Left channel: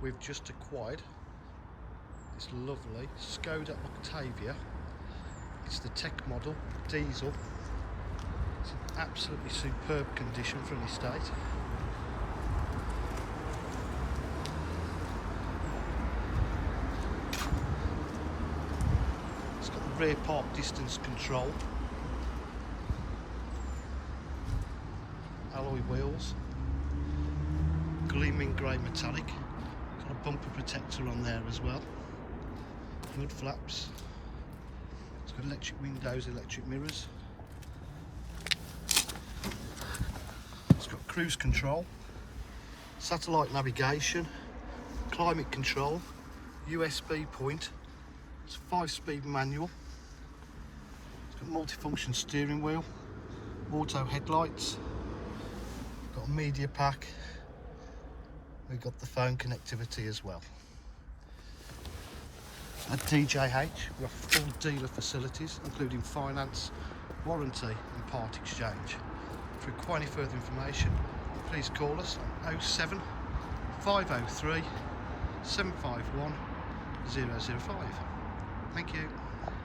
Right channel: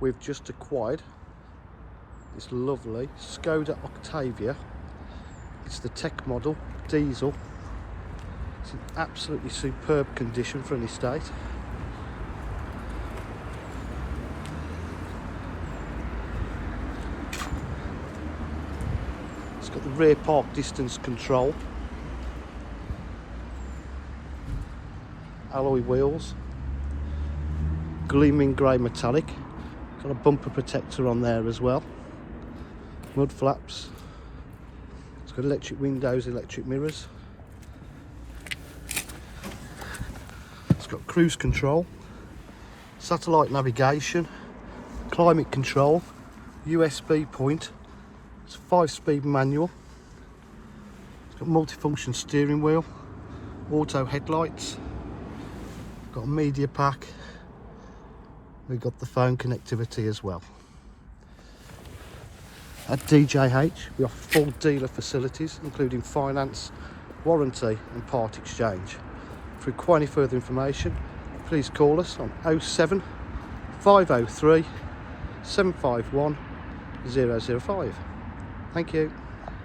we've just acquired this lovely SKODA Octavia. It's the tech model, diesel. It's in absolutely superb condition for an estate. It's got the rear park distance control, alloy wheels, gleaming grey metallic, got a bumper protector on there as well, mud flaps, it's got electric windows, electric mirrors, it's got cruise control, satellite navigation, climate control, USB point, it's a 5-speed manual, it's got multifunction steering wheel, auto headlights, got a media pack, we've got the phone connectivity as well. At DJH we offer full dealer facilities including finance, warranty and part exchange. If you require any further information, please call us on 07 503 751 005. Thank you.